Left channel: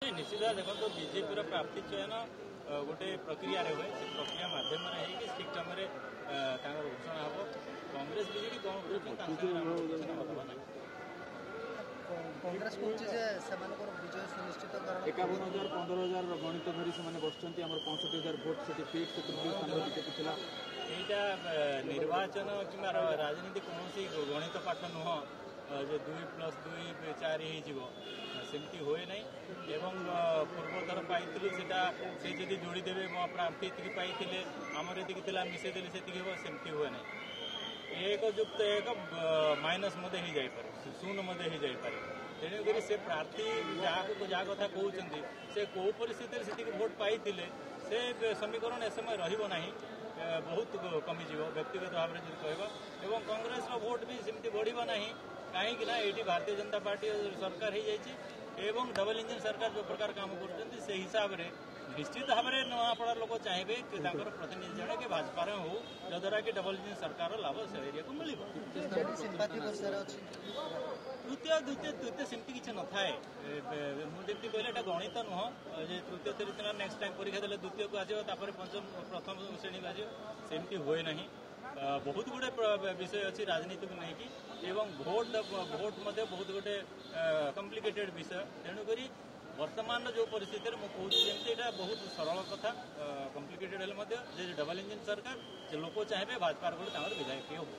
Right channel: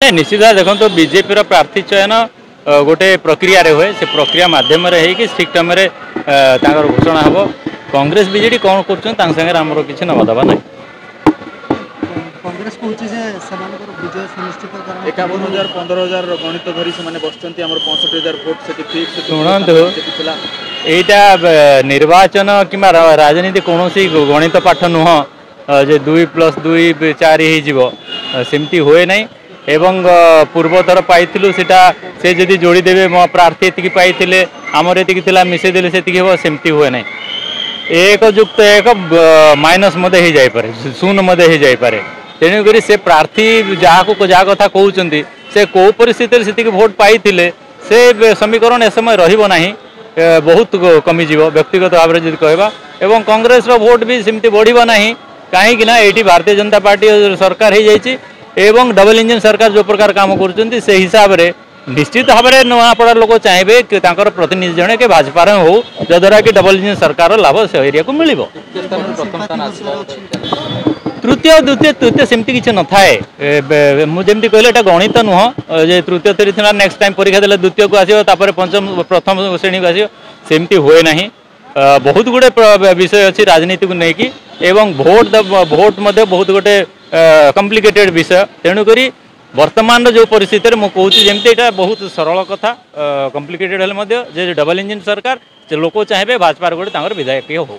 नहीं निश्चित भाव देखो बीजेपी प्रार्थी चयन गोटे प्रक्रिया रे हुए से प्रक्रिया माध्यम ठीक टाइम घोषणा हम कांग्रेस बीजेडी कौन कर किसी नवादवा ना कांग्रेस कहूँ विजय सुनिश्चित 51,000 15,000 गणित धरी से बसुँच 65,000 भोट से शुणु यहाँ निर्वाचन कि राजनीति कौन गणित पाठ नुह जे 2+2 4 सेमती हुए ना एवं पूर्वतर पाइलु से जदि जोड़ीदेवे मो प्रार्थी ये पाई आमर ये मिसेदेले से सेमती हुए ना एक युक्त एक माइनस हो जापे शून्य हो जापे तेणुक से प्रार्थी जहाँ को जहाँ कथा कहते से कौ परिस्थिति से भोट पाई से समीकरण ए समय रही बहुत कमिज व्यक्तिगत भाव में कहवा एवं कांग्रेस भोट भी सेमती बढ़ ना कहीं ये भारतीय जनता पार्टी सरकार हो जाए एवं डबल इंजन सरकार जो प्रकार काम कर से हिसाब से निश्चित भाव में नुआपड़ा लोक चाहिए कि प्रतिनिधि जड़े के भाजपा हो जद्वारा कि डबल इंजन सरकार लाभ से एरिया को मिल तृतीय द्वितीय तृतीय सेमती किसी न थाए मुझे कहले गणित नुह जे तृतीय तृतीय नेक्स्ट टाइम परीक्षा देले द्वितीय को आसो पंचम प्रथम श्रेणी को आसो सेमती हुए ना बहुत गुड़े विषय अच्छी राजनीति को लेकिन एवं भोट बहुत गोटे कॉम्प्लिकेटेड विषय तेणुक वर्तमान जो परिस्थिति में मुझे जमी यहाँ बहुत सरल कथा कॉम्प्लिकेटेड हेल्ले डबल इंजन सरकार लोक चाहिए भाजपा गोटे विधायक हो।